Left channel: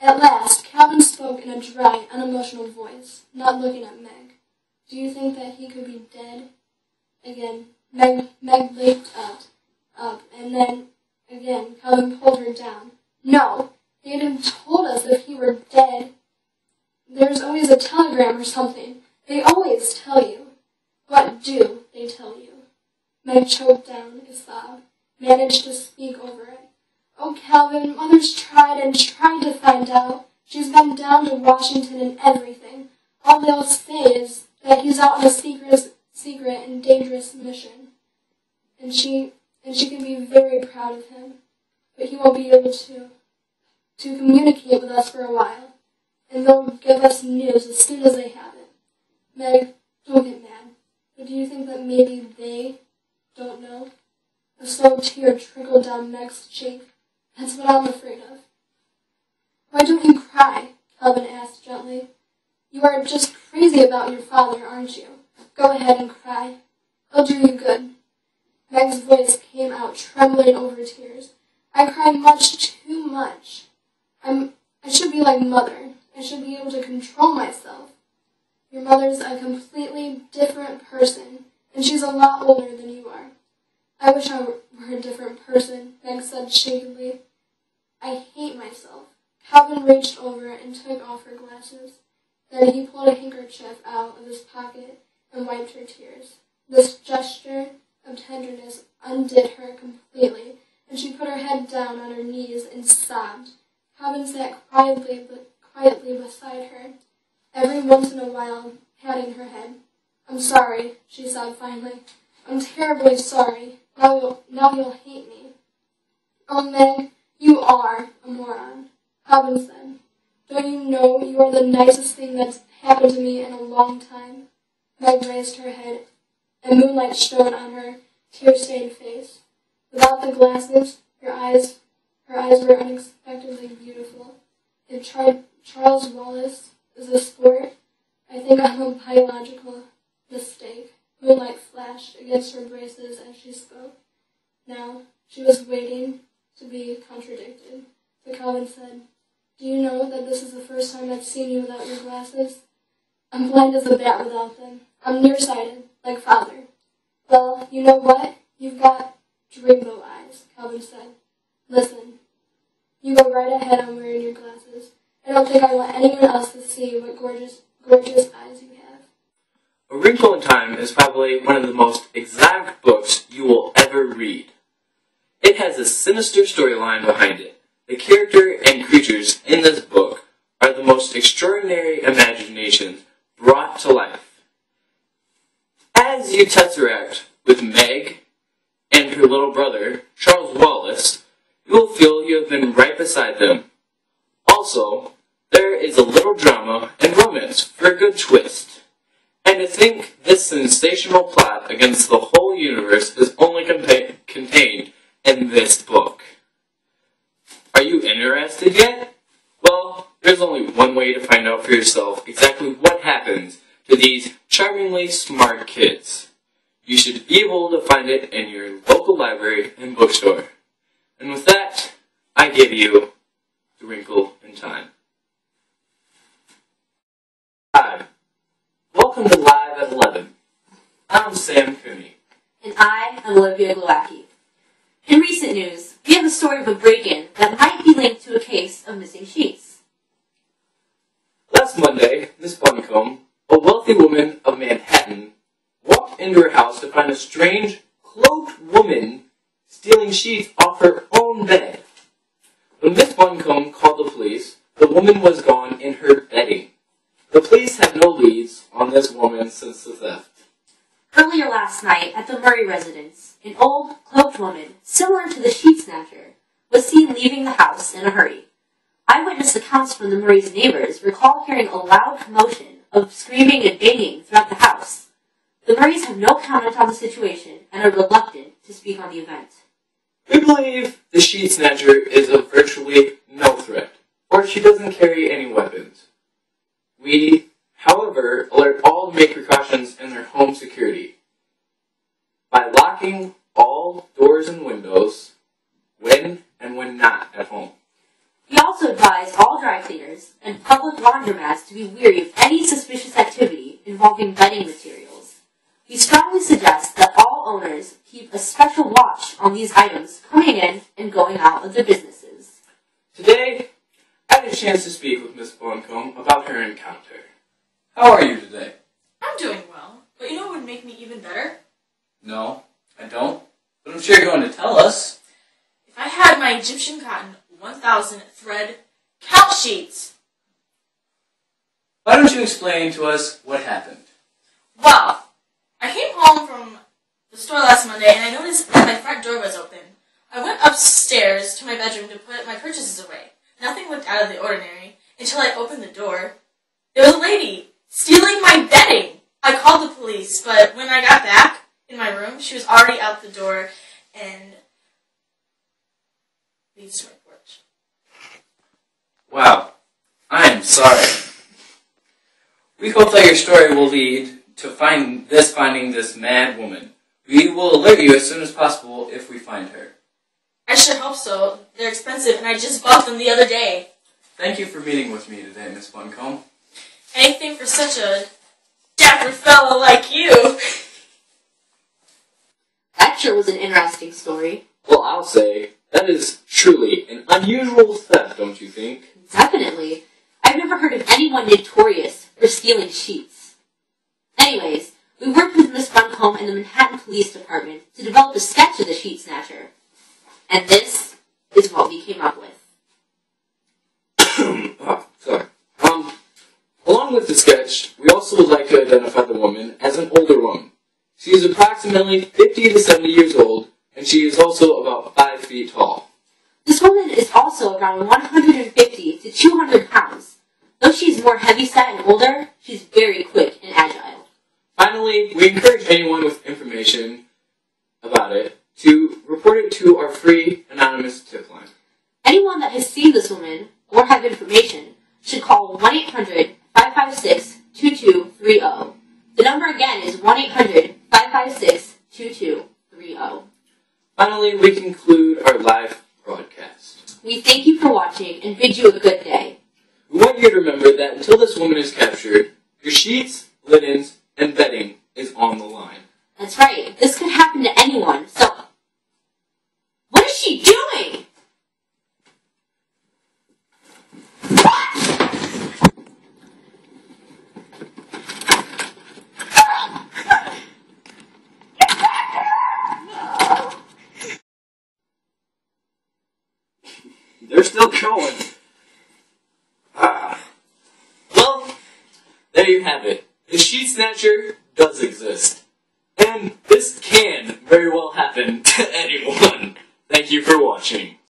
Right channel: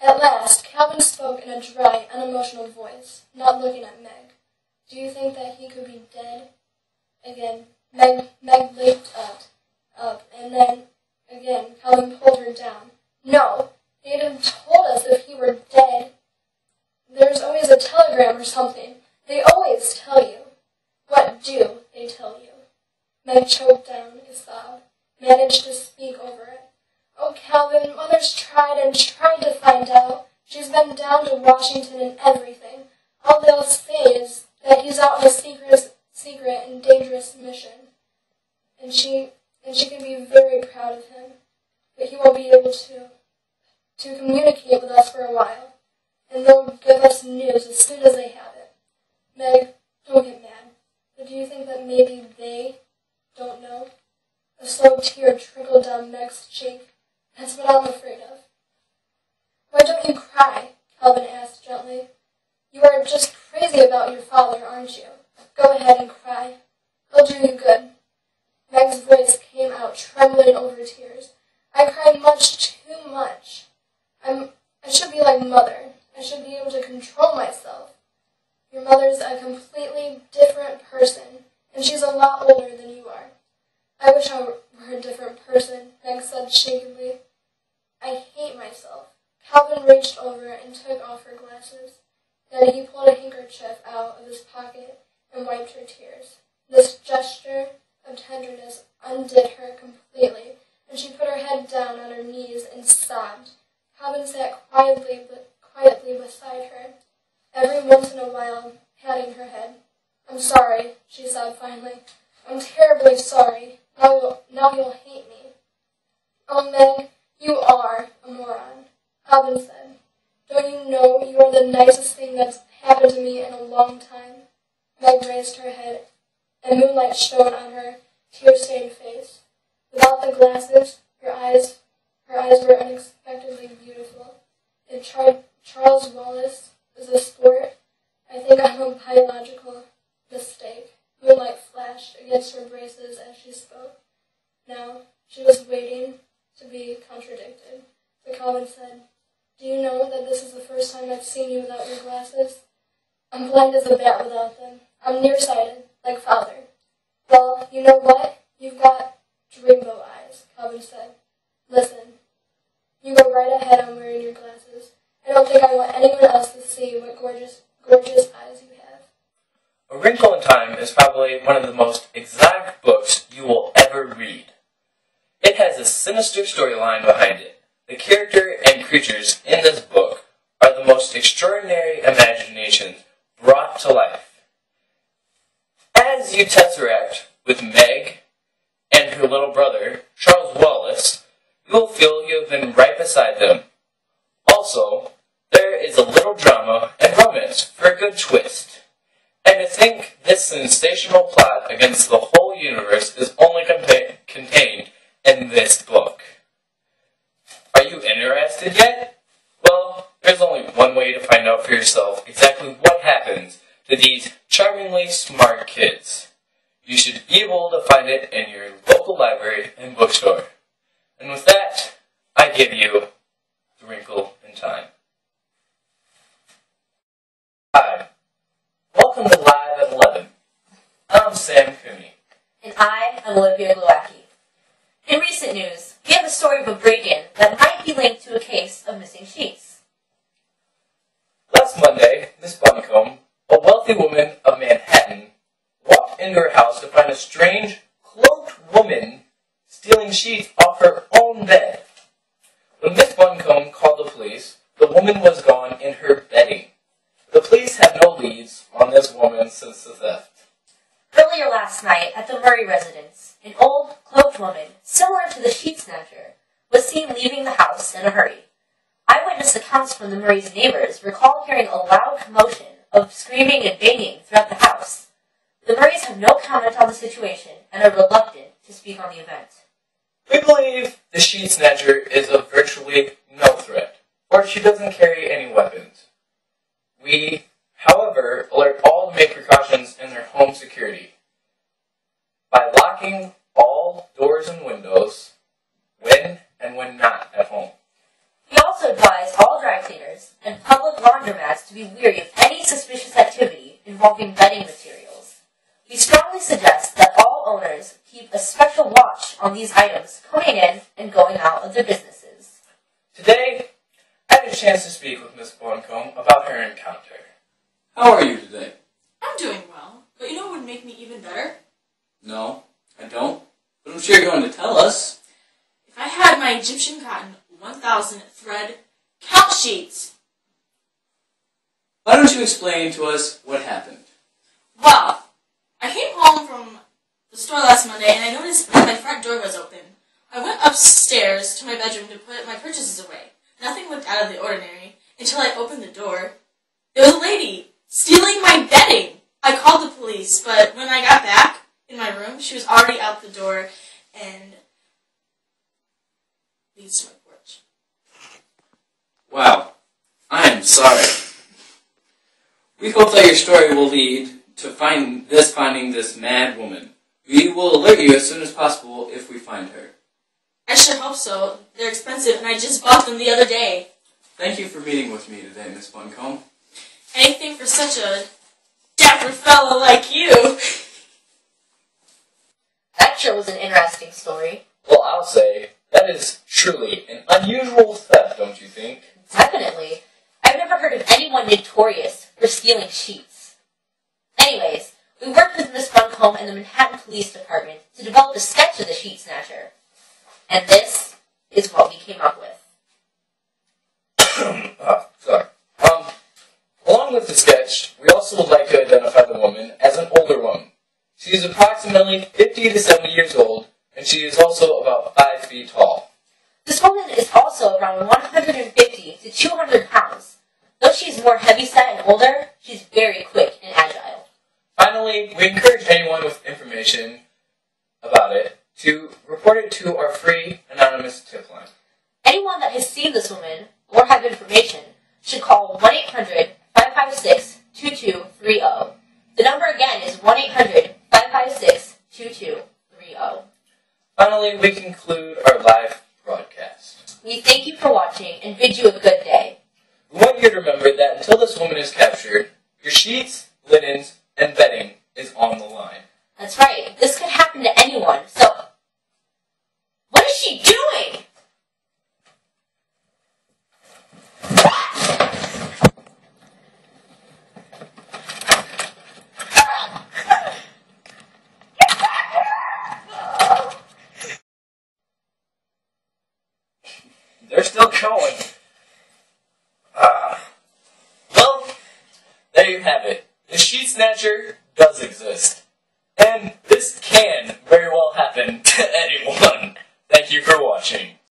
At last, Calvin spoke in a dry, unemotional voice, not looking at Meg. "Do you think that he could be dead?" Again, Meg leaped up, and then again Calvin pulled her down. "No, they'd have told us if he were dead. There's always a telegram or something. They always tell you." "What do they tell you?" Meg choked down a sob, managed to speak over it. "Oh, Calvin, Mother's tried and tried to find out. She's been down to Washington and everything. All they'll say is that he's out on a secret and dangerous mission. And she can be very proud of him. But he won't be able to communicate with us for a while. And they'll give us news as soon as they have it. Meg, don't get mad. But do you think that maybe they don't know?" A slow tear trickled down Meg's cheek. "That's what I'm afraid of." "Why don't you cry?" Calvin asked gently. "You are just crazy about your father, aren't you? Go ahead and cry. It'll do you good." Meg's voice came out trembling over tears. "I cry much too much. I should be like Mother. I should be able to control myself. Your mother's a completely different person, and she's a lot older than you are." "I wish I were a different person," Meg said shakily. "I hate myself." Calvin reached over and took off her glasses. Then he pulled a handkerchief out of his pocket and wiped her tears. This gesture of tenderness undid her completely, and she put her head down on her knees and sobbed. Calvin sat quietly beside her, every once in a while patting her head. "I'm sorry," she sobbed finally. "I'm terribly sorry. Now you'll hate me." "Oh, Meg, you are a moron," Calvin said. "Don't you know you are the nicest thing that's happened to me in a long time?" Meg raised her head, and moonlight shone on her tear-stained face. Without the glasses, her eyes were unexpectedly beautiful. If Charles Wallace is a sport, I think I'm a biological mistake. Moonlight flashed against her braces as she spoke. Now she was waiting to be contradicted. So Calvin said, "Do you know that this is the first time I've seen you without your glasses? I'm blind as a bat without them. I'm nearsighted, like Father." "Well, you know what? You've got dreamboat eyes," Calvin said. "Listen, you go right ahead on wearing your glasses. I don't think I want anyone else to see what gorgeous eyes you have." A Wrinkle in Time is probably one of the most exact books you will ever read. It has a sinister storyline behind it. The character and creatures in this book are the most extraordinary imaginations brought to life. As you tesseract with Meg and her little brother, Charles Wallace, you will feel you have been right beside them. Also, there is a little drama and romance for a good twist. And to think this sensational plot against the whole universe is only contained in this book. Are you interested yet? Well, there's only one way to find out for yourself exactly what happens to these charmingly smart kids. You should be able to find it in your local library and bookstore. And with that, I give you The Wrinkle in Time. Hi. Welcome to Live at 11. I'm Sam Cooney. And I am Olivia Glowacki. In recent news, we have a story of a break-in that might be linked to a case of missing sheets. Last Monday, Miss Buncombe, a wealthy woman of Manhattan, walked into her house to find a strange, cloaked woman stealing sheets off her own bed. When Miss Buncombe called the police, the woman was gone in her bedding. The police have no leads on this woman since the theft. Earlier last night at the Murray residence, an old, cloaked woman, similar to the sheet snatcher, was seen leaving the house in a hurry. Eyewitness accounts from the Murray's neighbors recall hearing a loud commotion of screaming and banging throughout the house. The Murrays have no comment on the situation and are reluctant to speak on the event. We believe the sheet snatcher is of virtually no threat, or she doesn't carry any weapons. We, however, alert all to make precautions in their home security by locking all doors and windows when and when not at home. We also advise all dry cleaners and public laundromats to be wary of any suspicious activity involving bedding materials. We strongly suggest that all owners keep a special watch on these items coming in and going out of their businesses. Today, I had a chance to speak with Miss Buncombe about her encounter. How are you today? I'm doing well, but you know what would make me even better? No, I don't. But I'm sure you're going to tell us. If I had my Egyptian cotton 1000 thread count sheets. Why don't you explain to us what happened? Well, I came home from the store last Monday and I noticed that my front door was open. I went upstairs to my bedroom to put my purchases away. Nothing looked out of the ordinary until I opened the door. There was a lady stealing my bedding. I called the police, but when I got back in my room, she was already out the door and leads to my porch. Wow, I am sorry. We hope that your story will lead to finding this mad woman. We will alert you as soon as possible if we find her. I sure hope so. They're expensive and I just bought them the other day. Thank you for meeting with me today, Miss Buncombe. Anything for such a dapper fella like you. That sure was an interesting story. Well, I'll say, that is truly an unusual theft, don't you think? Definitely. I've never heard of anyone notorious for stealing sheets. Anyways, we worked with Miss Buncombe and the Manhattan Police Department to develop a sketch of the sheet snatcher. And this is what we came up with. Sorry. Along with the sketch, we also would like to identify the woman as an older woman. She is approximately 50 to 70 years old, and she is also about 5 feet tall. This woman is also around 150 to 200 pounds. Though she's more heavyset and older, she's very quick and agile. Finally, we encourage anyone with information about it to report it to our free anonymous tip line. Anyone that has seen this woman or have information should call 1-800-556-2230. The number again is 1-800-556-2230. Finally, we conclude our live broadcast. We thank you for watching and bid you a good day. We want you to remember that until this woman is captured, your sheets, linens, and bedding is on the line. That's right. This could happen to anyone, so... What is she doing? They're still going. Well, there you have it. The sheet snatcher does exist. And this can very well happen to anyone. Thank you for watching.